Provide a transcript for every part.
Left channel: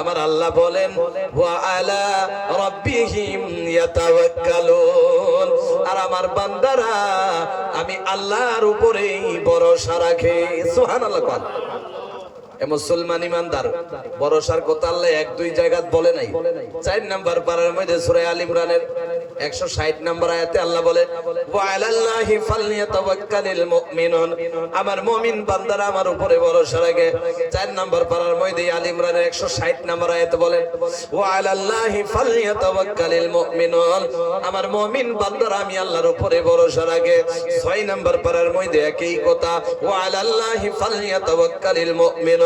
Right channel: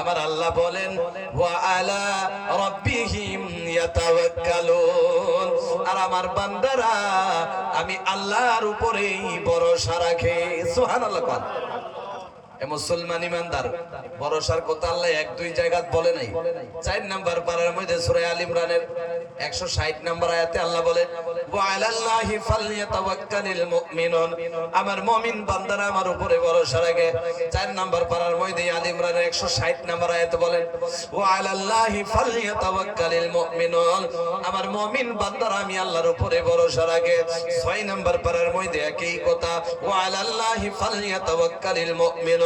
আমার আল্লাহ বলেন আর আমার বান্দারা আমি আল্লাহর উপরেই ভরসা রাখে। সুবহানাল্লাহ মুসলমান ইমানদার ভরসার কথা আল্লাহ এক দুই জায়গা বলে নাই। চার নাম্বার মধ্যে সূরা আল ইমরানের 160 নাম্বার আয়াতে আল্লাহ বলে চার নাম্বার পারার মধ্যে আল ইমরানের 160 নাম্বার আয়াতে বলে মুমিনুন। আমার মুমিন ছয় নাম্বার পারার মধ্যে একই কথা, ওয়া আলাল্লাহি ফালইয়াতাওয়াক্কালিল মুমিনুন।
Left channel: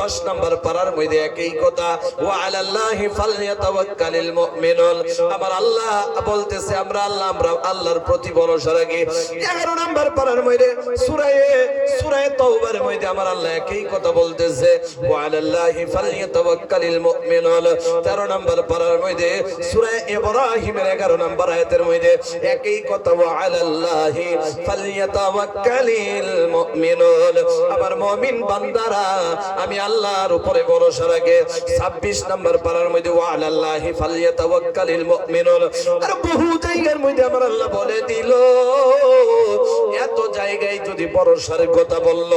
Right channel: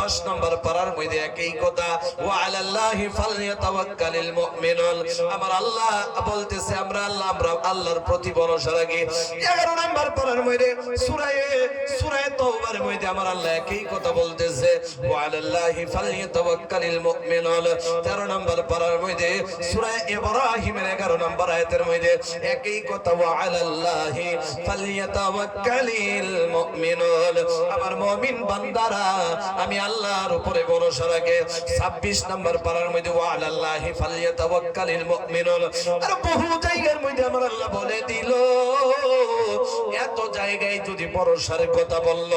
দশ নম্বর পারার মধ্যে একই কথা ও আলাল্লাহি ফালইয়াতাওয়াক্কালিল মুমিনুন। আমার আল্লাহ বলতেছে, আমরা আল্লাহ আল্লাহর প্রতি ভরসা রাখি 11 নম্বর পারার মধ্যে সূরা মধ্যে আমার আল্লাহ একই কথা বলতেছে। ও আলাল্লাহি ফালইয়াতাওয়াক্কালিল মুমিনুন। 13 নম্বর পারার মধ্যে সূরা ইব্রাহিমের 11 নম্বর আয়াতের মধ্যে একই কথা ও আলাল্লাহি ফালইয়াতাওয়াক্কালিল মুমিনুন। আমার মুমিন বান্দারা, আমি আল্লাহর উপরে ভরসা রাখে। 26 নম্বর পারার মধ্যে ওয়া আলাল্লাহি মুমিনুন। আর বহু জায়গার মধ্যে আমার আল্লাহ বলে দিল। এত জায়গায় যদি ভরসার কথা বলল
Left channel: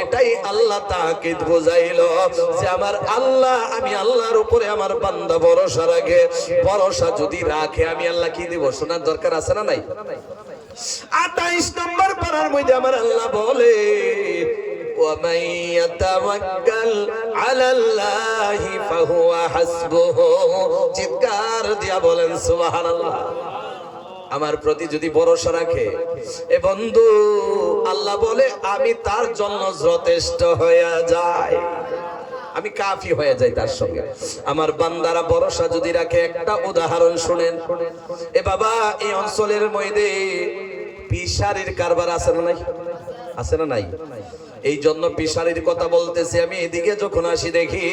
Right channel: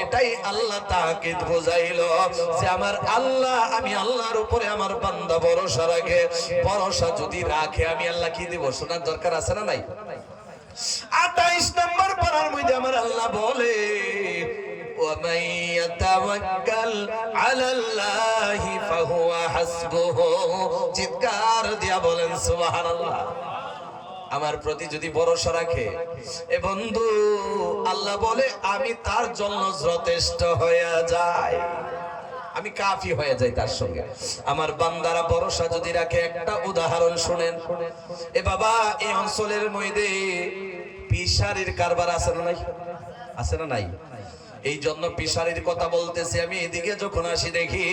এটাই আল্লাহ তাকিদ বুঝাইল যে আমার আল্লাহ আমি আল্লাহর উপরে আমার বান্দা ভরসা রাখে ভরসা যদি রাখে আমি আল্লাহ কি দিব শোনার দরকার আছে না নাই আঠাইশ নম্বর পারার মধ্যে আমার আল্লাহ বলে ومن يتوكل على الله فهو حسبه চিৎকার দিয়া বলেন সুবহানাল্লাহ আমার প্রতি যদি ভরসা রাখে। এ বন্ধু, আল্লাহ বলে, আমি তার জন্য যথেষ্ট হয়ে যায় আমি কাফি হয়ে যাই তার সঙ্গে। আমার বান্দারা ভরসা যদি রাখে, একটা উদাহরণ শুনেন। এ বাবা, এই অঞ্চলের মধ্যে পিসারির কারবার আছে না নাই? আছে না নাই? এই জন্য পিসারির কথা বলতেছি আমি। এদিকে যখন আসি দেখি,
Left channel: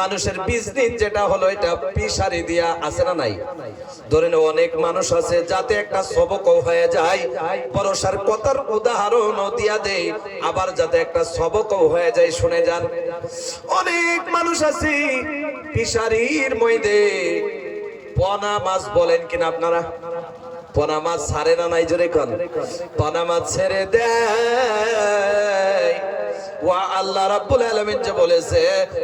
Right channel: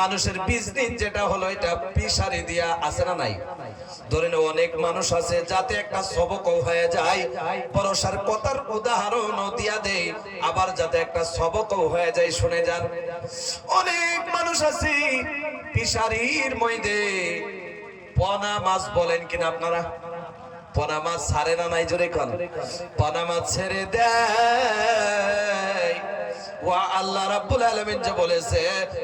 মানুষের বিজনেস যেটা হলো, এটা পিসারি দিয়া আছে না নাই? ধরে নাও, অনেক মানুষ আছে, যাতে একটা সবক হয়ে যায়। ভরসার কথার উদাহরণ দিয়া দেয় আবার যাতে একটা সবক হয়ে যায়, শুনে যান। অনেক মানুষ আছে পিসারির মধ্যে পনা মাছ বলেন কিনা আপনারা? পনা মাছ ছাড়ে না নাই, জোরে কন। পনা মাছ ছেড়ে দেয়। রাব্বুল আলামিন যে বলেছে,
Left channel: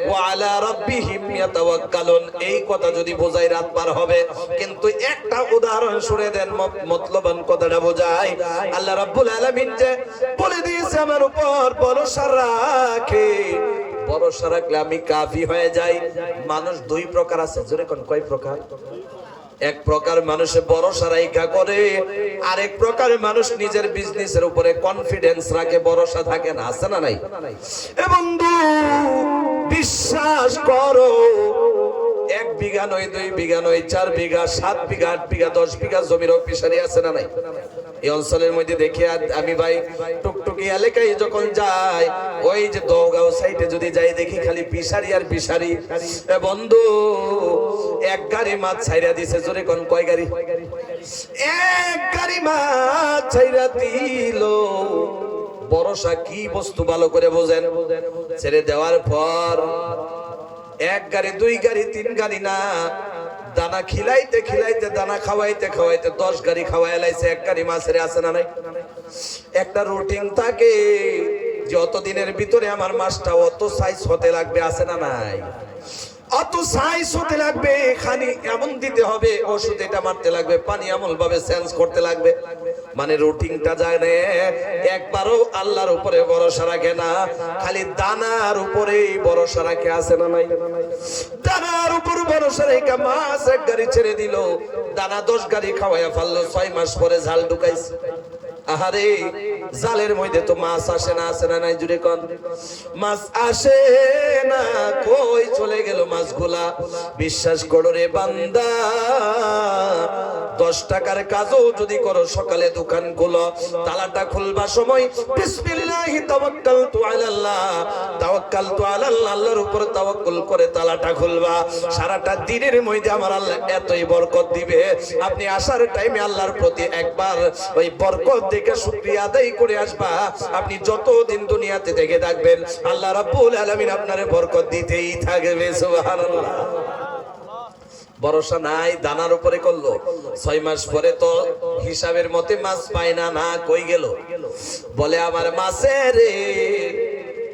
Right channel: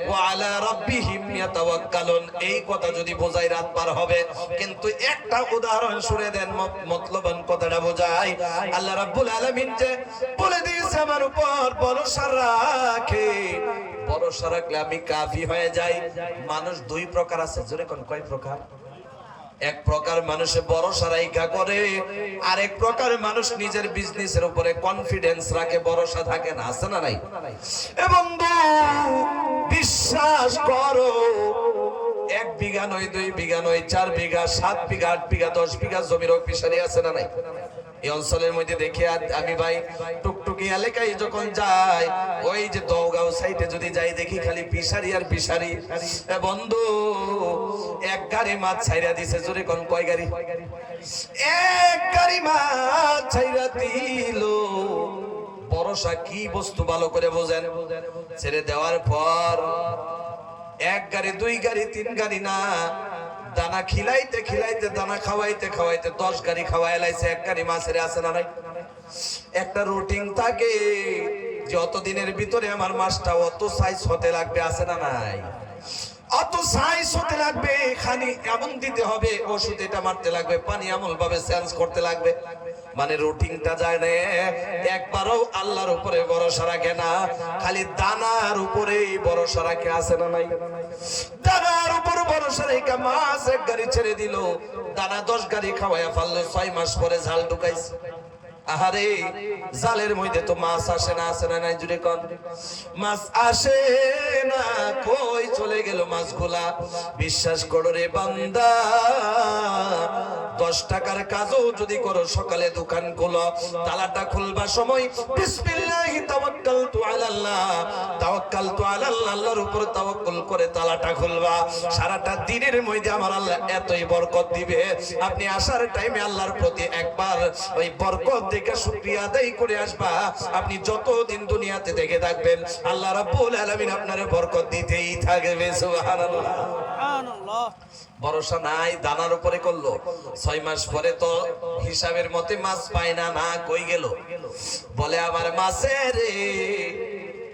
ওয়া আলা রাব্বিহিম ইয়াতাওয়াক্কালুন এই কথা যদি বোঝাই রাত পার হবে। কিন্তু একটা উদাহরণ শুনে দেন মতলবান কথাটা বোঝায়। আল্লাহ রাব্বুল আলামিন যে বলে দিয়েছে, আমার উপর ভরসা রাখে। ভরসা রাখলে আমি কাফি হয়ে যাই। মানুষ দুই প্রকার আছে। জোরে কোন কয় প্রকার? এক প্রকার মানুষে ভরসা রাইখা করে আর এক প্রকার মানুষ নিজের বিজনেসের উপরে কনফিডেন্স রাখে, ভরসা থাকে না, আছে না নাই? বন্ধু, বিশ্বাস করো, এক বিঘা নয়, দুই বিঘা নয়, চার বিঘা, সাত বিঘা, আট বিঘা, দশ বিঘা জমির অফিসারি আছে না নাই? এই অঞ্চলের মধ্যে দেখে আমি ভাই টুকটুকি এলাকায় যখন যাই, ওই যে দৌগাঁও সাইডে যদি যাই, দেখি খালি পিসারি আর পিসারি। বন্ধু, এক গাড়ি মাছ ছাইরা দিছে, জোরে কোন কয় গাড়ি? এক গাড়ি মাছ ছাইরা দিল। বরসা কি বস্তু ভালো করে বোঝেন? ছেড়ে দেওয়ার পর এক গাড়ি, দুই গাড়ি, তিন গাড়ি না দানা খিলাইতে খিলাইতে, দানা খাওয়াইতে খাওয়াইতে দশ গাড়ি খাওয়াই লাইছে, এক গাড়ি মাছের আছে না নাই? একটা রুটিন থাকে যে অত দিনের ভিতরে আমার মাছটা অত সাইজ হতে লাগবে, আছে না নাই? অত সাইজ হতে লাগবে খানি এমন দিতে হবে, ওষুধ এটা মারতে লাগবে, পানি এমন ভাবে সেন্স করতে লাগবে। মানে রুটিনটা যায় না, একবারও আল্লাহর উপরে ভরসা রাখে না, খালি দানার উপরেই ভরসা রাখে, আছে না নাই? উপর ভরসা মাছ এক গাড়ি ছেড়ে দিল। দানা দশ গাড়ি খাওয়াইয়া ফেলল, ছয় মাস পরে ঝাল ঢুকাইছে। আহারে জালের মধ্যে তো মাছ আসে না আসে না, নাই জুড়ে কন। মাছ আসে না, কই চলে গেল মাছগুলা। বিশ্বাস করো রে বান্দা, দশ টাকার কাজও যদি করো সকালে দোকান খুলো তালাটা খুলবার এতই দিবে। আপনি আসার টাইমে আল্লাহর প্রতি একবার ওই দেখে করে আসবা। আপনি যতদিন দুনিয়াতে দেখে থাকবেন, আল্লাহ রাব্বুল আলামিন আপনার বরকত দিতেই সুবহানাল্লাহ। ভরসা নাই, দানার উপরে করল। ছয় মাস পরে তো হিসাবের মতে মাছ পায় না না, কই গেল? বলে, আবার মাছে রে,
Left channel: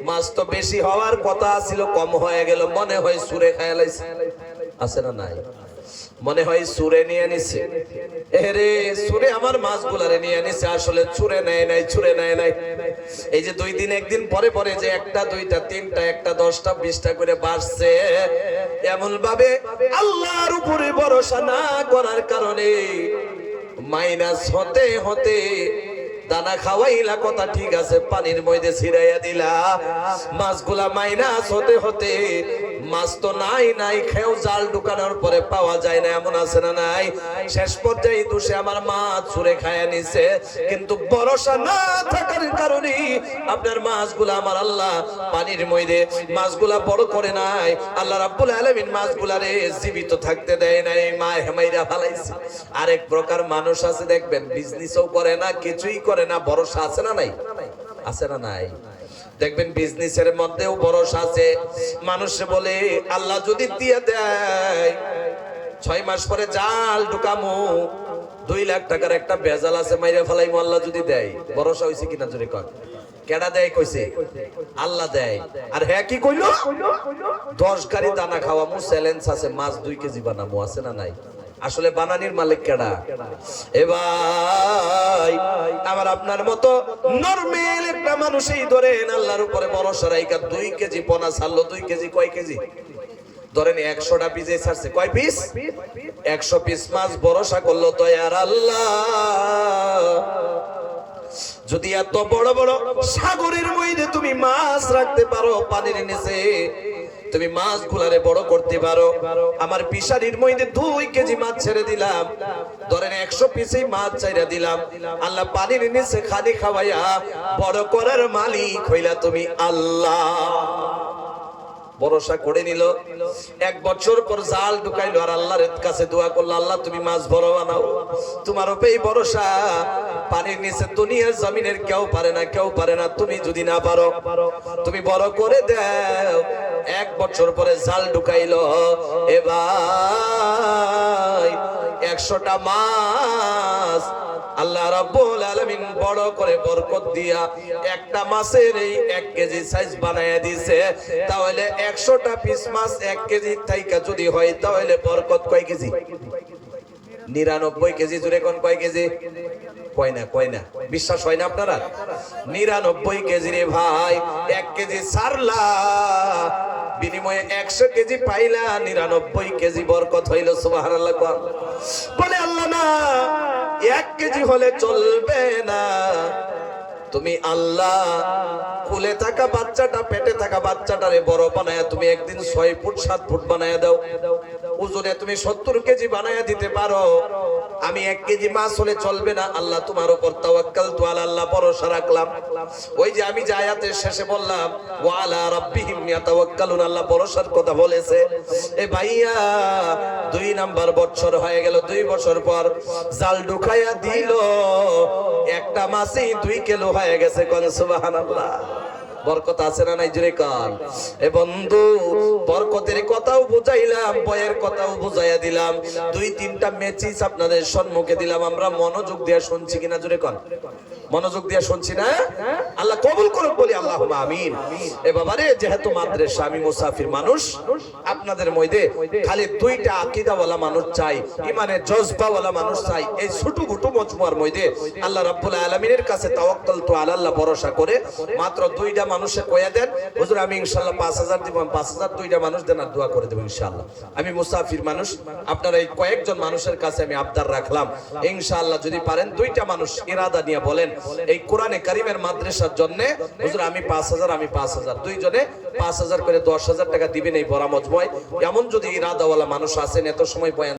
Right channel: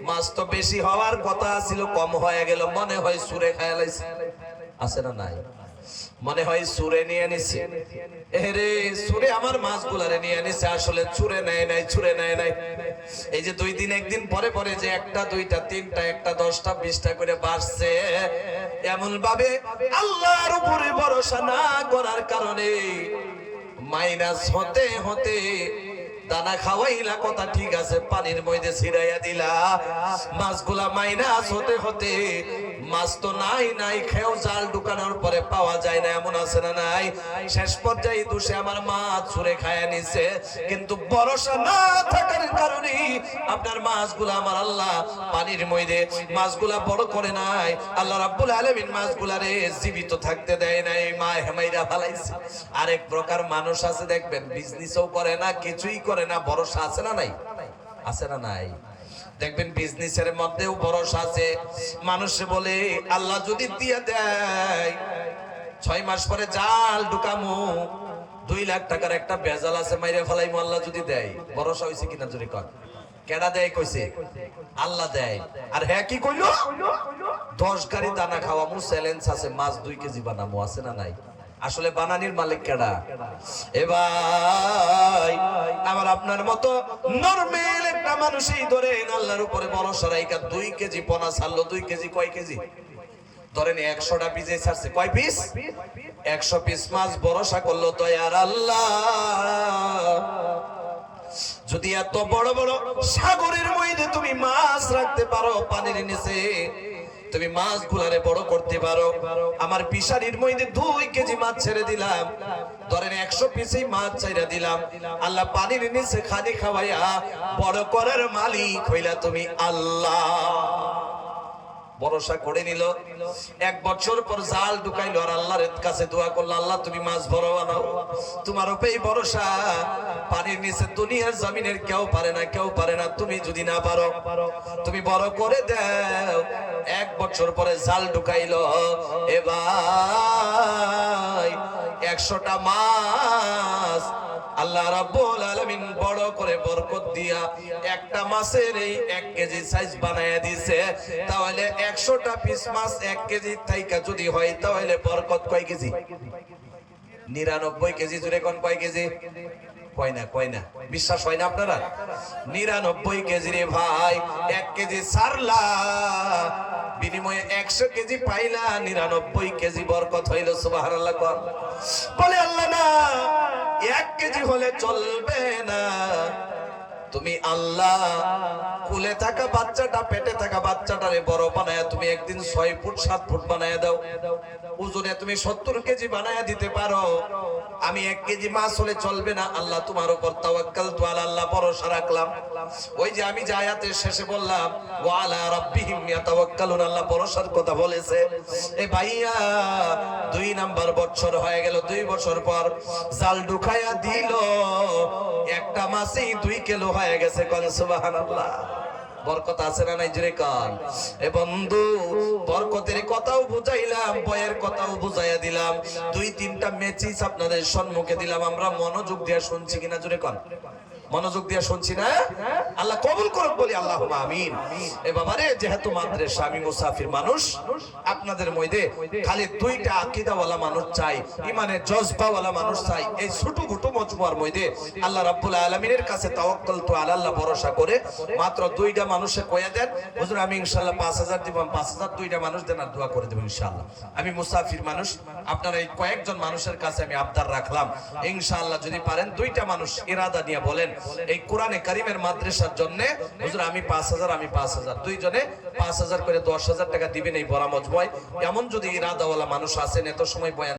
মাছ তো বেশি হওয়ার কথা ছিল, কম হয়ে গেল। মনে হয় সুরে খায়ালাইছে আছে না নাই? মনে হয় সুরে নিয়ে নিছে। এরে সুরে আমার মাছগুলারে নিয়ে নিছে, আসলে চুরে নেয় নাই চুরে নেয় নাই। এই যে দুই দিন, একদিন পরে পরে যে একটা, দুইটা, তিনটা, একটা, দশটা, বিশটা করে বাড়ছে এমন ভাবে আল্লাহর উপরে ভরসা না করার কারণে মাইনাস হতে হতে দানা খাওয়াইলা, কথা ঠিক আছে, পানির মধ্যে ছিড়াইয়া দিলা। মাছগুলা মাইনাস হতে হতে, মাছ তো নাই নাই খেয়েও জাল ঢুকানোর পরে পাওয়া যায় না, এমন আছে না নাই? শেষ পর্যায়ে দোষে আমার মাছ ছুঁড়ে খায় নিছে। কিন্তু ভরসা না থাকার কারণে আপনার মাছগুলা আমার আল্লাহ পানির মধ্যে মাছগুলা বড় করে নাই। আল্লাহ রাব্বুল আলামিন মাছগুলারে জীবিত থাকতে দেয় নাই মা হেমাইরা ফালাইছে। আরেক প্রকার মানুষ আছে, দেখবেন বিজনেসও করে না, কিছুই করে না, ভরসা আছে না নাই? আছে না নাই? দেখবেন বিজনেসের মধ্যেও ভরসা আছে। মানুষ বলে, আল্লাহ যদি দিয়ে দেয়, ছয় মাস পরে জাল ঢুকামু। দুই লাখ টাকার একটা বেজাল আছে, মাইরে ফেলাই আল্লাহ যদি দেয়। ভরসা হয়েছে কিনা যদি কর কেডা দেয় কইছে? আল্লাহ দেয়। আর হ্যাঁ কি কইলো? দশ গাড়ি দানা খাওয়ামু চ্যালেঞ্জ আছে, মাছ দুই কেজি বানামু, আছে না নাই? আসলে বানানির মালিক কেডা? এ ভাই, আমার আপনার মতো নরমেল একটা মানুষই ধরেন আল্লাহর উপরে ভরসা রাইকা দুই কেজি পোনা ছাড়লো, দুই কেজি কয় কেজি? ধরেন একশোটা পিস ছাড়ছে, কয় পিস একশো পিস মাছ ভরসা করল তো আর আল্লাহ। যদি এত বড় বড় সাগরের মধ্যে তুমি মাছ রাখতে পারো পানির নিচে তুমি মাছ গুলারে বড় করতে পারো। আমার পিসারির মধ্যে দুই কেজি মাছ ছেড়ে দিলাম। ধরেন একশো পিসেই মাছ চাইরা দিলাম। আল্লাহ পানির নিচে খালি খাওয়াইয়া বড় করার মালিক হইলা তুমি আল্লাহ। ভরসা করে নিল। এক বছর পর জাল ঢুকাইলো আর আল্লাহর কাছে দোয়া করল, আল্লাহ, তুমি মাছ বড় বানাও তোমার উপরেই ভরসা। পানির নিচে দুনিয়ার জমিনের কেউ পারে না, কেউ পারে না। তুমি যদি না পারো, তুমি বড় করে দাও। এক বছর পরে জাল ঢুকাইলো। এবার একশোটা মাছ আল্লাহ রাব্বুল আলামিন বড় করে বরকত দিয়া একটা মাছের এই এক কেজি সাইজ বানায়া দিছে। তাহলে একশোটা পিস মাছ এক কেজি থাইকা যদি হয়, তাহলে বরকত কয় কেজি? নিরানব্বই কেজি জুড়ে কোন কয় কেজি? কয় না কয় না। বিশ্বাস হয় না আপনারা? নিরানব্বই কেজি রে ভাই, এক কেজি সারলা। বিনিময়ে একশো কেজি পাইলা, নিরানব্বই কেজি বরকত হইল সুবাহ বলে আল্লাহ না এক কেজি হলে চলবে না। তুমি আল্লাহ কুলে থাকা বাচ্চাটা, পেটে থাকা বাচ্চাটারে বড় বানায় তুমি একদিন ছয় ফুট, সাত ফুট বানায় দাও। ওজনে তুমি সত্তর কেজি বানায় দিতে পারো। আমি এক কেজি মাছ হলে চলবে না। আল্লাহ তোমার উপর তাওয়াক্কাল আল্লাহ ভরসা রাখলাম। ওই যে আমি যে আয়াতের শেষে বললাম ওয়ালা রাব্বিহিম ইয়াতাওয়াক্কালুন আল্লাহ ভরসার কথা বলেছে। এ ভাইয়া, দুই নাম্বার বছর হয়ে গেল, দুই বছর পর জাল ঢুকাইয়া দিল। একটা মাসেই দুই কিলো হয়ে গেছে কোন সুবহানাল্লাহ। বরকত আছে না নাই জোরে কান? এ বন্ধু, বরকতের কথাও বুঝাইলাম বয়ের কথাও বুঝাইয়া দিলাম। দুই তিনটা মেচিস আপনাদের সম্মুখে দিলাম, আমরা মনোযোগ দিয়ে শুনছি কিনা জুড়ে কান? মনোযোগ দিয়ে শুনছি না? আল্লাহ কবুল করুক বলি আল্লাহ আমিন। এ বাবারে, যেহেতু মাদ্রাসা, আমি মুসাফির মানুষ, আপনাদের মধ্যে খালি দুইটা আকীদাওয়ালা মানুষ চাই, ইমানের জজবাওয়ালা মানুষ চাই, এই ছোট গুটু মজমুয়ার মধ্যে আল্লাহ রাব্বুল আলামিনের কাছে তাওয়াক্কাল তো আল্লাহ ভরসা করে মাত্র দুইটা মানুষে কয়া দেন, হুজুর, আমি ইনশাআল্লাহ 5000 দিব 5000 দুইটা মানুষ দেন আর দোয়া করে দেব ইনশাআল্লাহ। আমি মুসাফির মানুষ, আপনারা এই কয়েকজন মানুষের কাছে আমি আবদার রাখলাম। ইনশাআল্লাহ যদি পারেন, দুইটা মানুষ ইরাদা নিয়ে বলেন এই কোরআনে কারিমের মাদ্রাসার জন্য, হুজুর, আমি 5000 আমি 5000 দুইজনে 5000 করে 10000 টাকা দিবেন এই বরামজ ভয় এমন যদি ইরাদাওয়ালা মানুষ আছেন, এত সময় বয়ান